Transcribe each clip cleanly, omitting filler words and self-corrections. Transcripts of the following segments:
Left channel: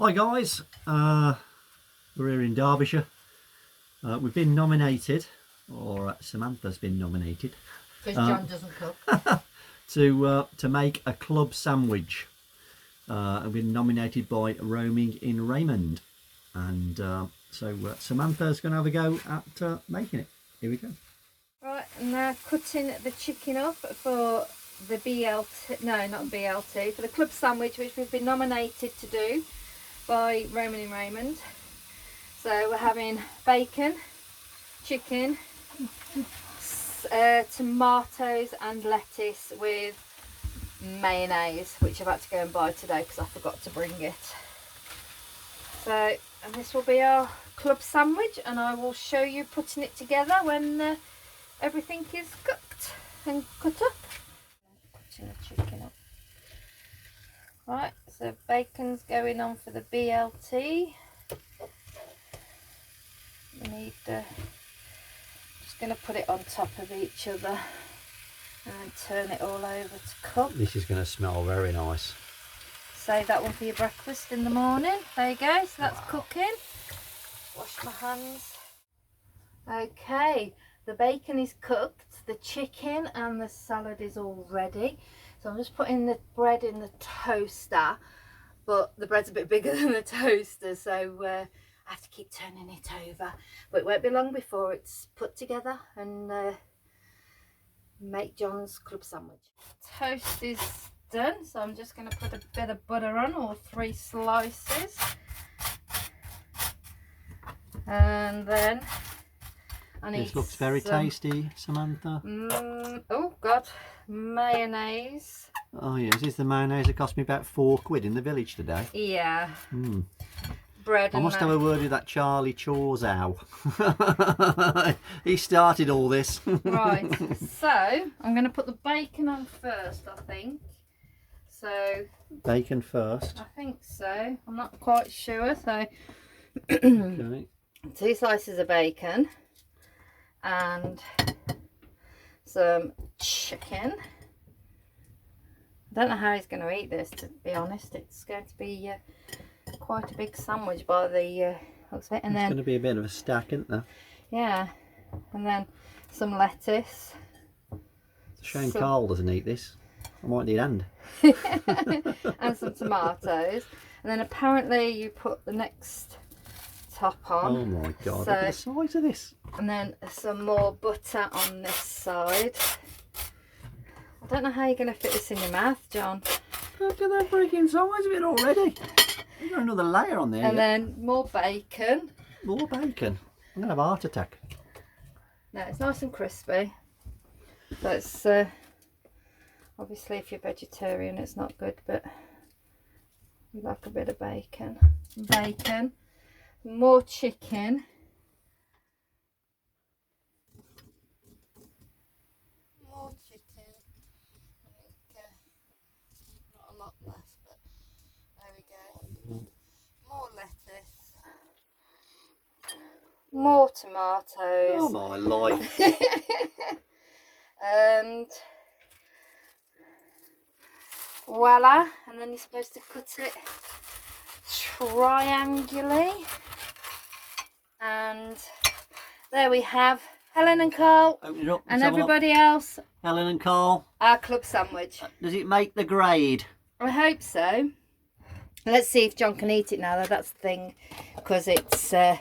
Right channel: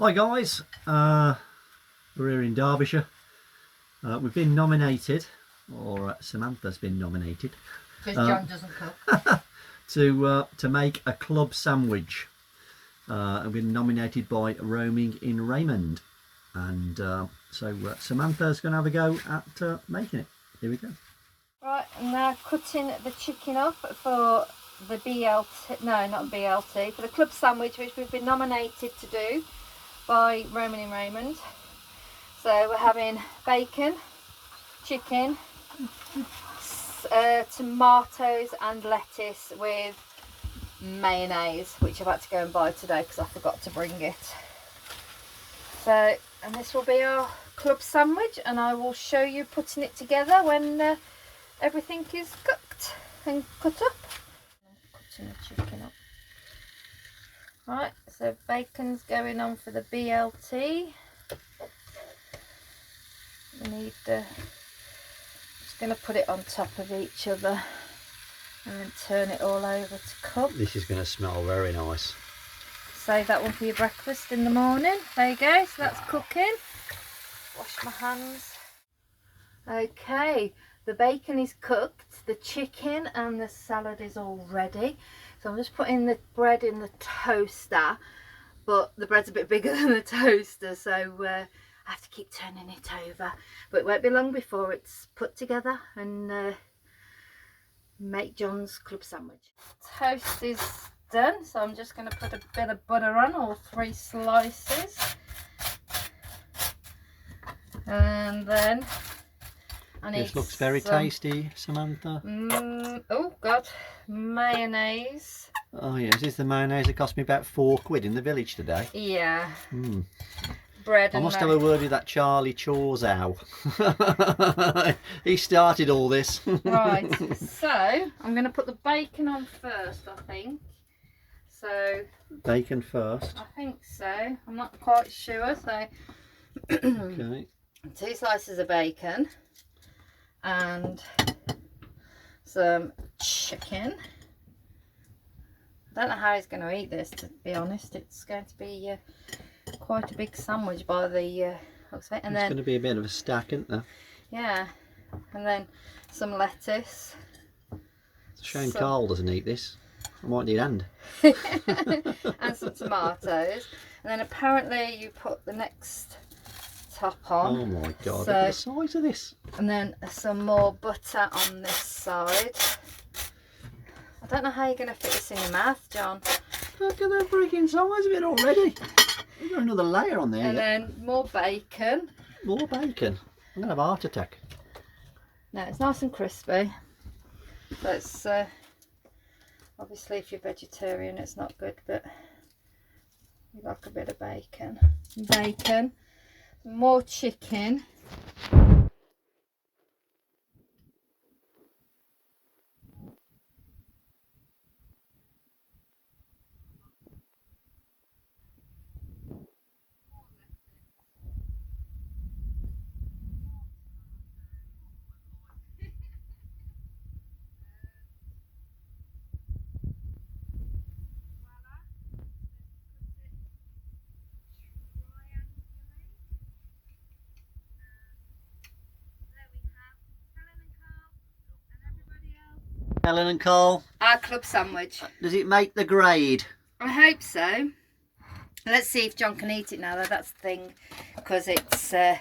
Hi guys, we're here in Derbyshire. We've been nominated, or Samantha's been nominated, because John doesn't cook, to make a club sandwich. I've been nominated by Roaming In Raymond, and so Samantha's going to have a go at making it. Here we go. right? And they're cutting the chicken up for the BLT, no, not BLT, for the club sandwich, which we've been nominated to do by Roaming In Raymond. So we're having bacon, chicken, tomatoes and lettuce with mayonnaise, which I've had to go and buy today because I forgot to bring it. So, and this will be our club sandwich, and I will show you putting it together when everything is cooked and cut up. Cutting the chicken up. Right, so bacon's going on for the BLT. We need the, just going to put it on top of each other and then turn it all over to cook. This is going to smell very nice. Save that one for your breakfast in the morning. There you go, so that's cooking. Wash my hands. Okay, the bacon is cooked, the chicken and the salad is all ready. So I'm just putting the bread in the toaster, but the bread's a bit bigger than the toaster, so I have to keep turning it over. But it won't be long before it's put together and make John's club sandwich. Toast is done, so I'm just going to put a bit of butter on, or 3 slices. And then I need This looks very tasty, Samantha. Oh God, mayonnaise. Oh yes, this is the mayonnaise that cost me about £4 in the village today. Yeah. Mm. Bread. I must have a word with that Charlie Chorzow. He started all this. Right, so I'm going to put the bacon on first, I think. So Bacon first. I think so. I'm not quite sure. So Okay. 2 slices of bacon and some chicken. I don't know how he's going to eat this, to be honest. It's going to be quite a big sandwich by the looks of it. And it's going to be a bit of a stack, isn't there? Yeah, and then some lettuce. It's a shame Karl doesn't eat this. I might need a hand. And some tomatoes. And then apparently you put the next top on. Oh my God, look at the size of this. And then some more butter on this side. I don't know how you're going to fit this in your mouth, John. Look at the freaking size of it already. We've got another layer on there. And then more bacon. More bacon. I'm going to have a heart attack. No, it's nice and crispy. But it's obviously if you're vegetarian it's not good, but you like a bit of bacon. Bacon. More chicken. More chicken. Not a lot left, but there we go. More lettuce. More tomatoes. Oh my life. And voila, and then you're supposed to cut it triangularly, and there we have Helen and Karl Open it up. and everybody else, Helen and Karl. our club sandwich. Does it make the grade? I hope so. Let's see if John can eat it now though, that's the thing, because it's a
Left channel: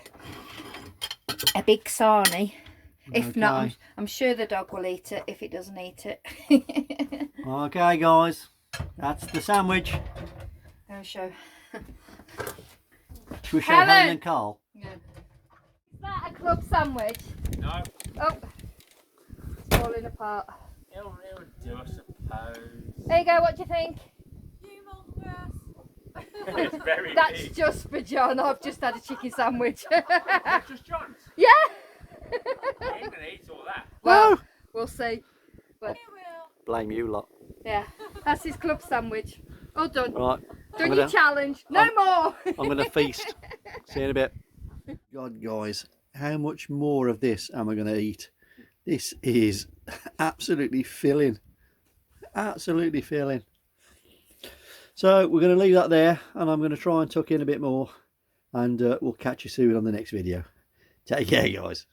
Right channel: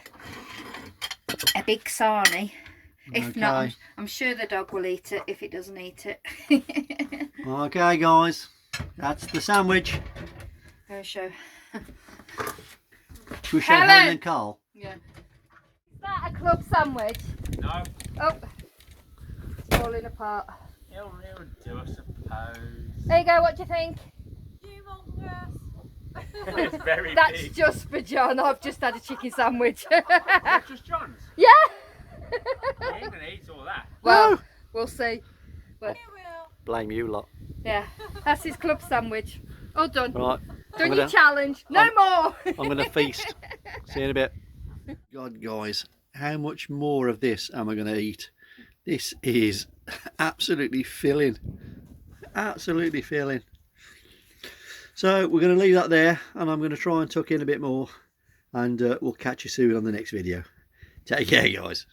big sarnie. If Okay. not, I'm sure the dog will eat it if it doesn't eat it. Okay guys, that's the sandwich. I'll show. Should we show Helen! Helen and Karl? Yeah. Is that a club sandwich? No, Oh, it's falling apart. it'll do, I suppose. There you go, what do you think? It's very That's big. just for John, I've just had a chicken sandwich. That's just John's. Yeah! You ain't gonna eat all that. Well, we'll see. But Blame you lot. yeah, that's his club sandwich. All done. Right, Done your challenge. No more! I'm going to feast. See you in a bit. God guys, how much more of this am I going to eat? This is absolutely filling. Absolutely filling. So we're going to leave that there, and I'm going to try and tuck in a bit more, and we'll catch you soon on the next video. Take care, guys.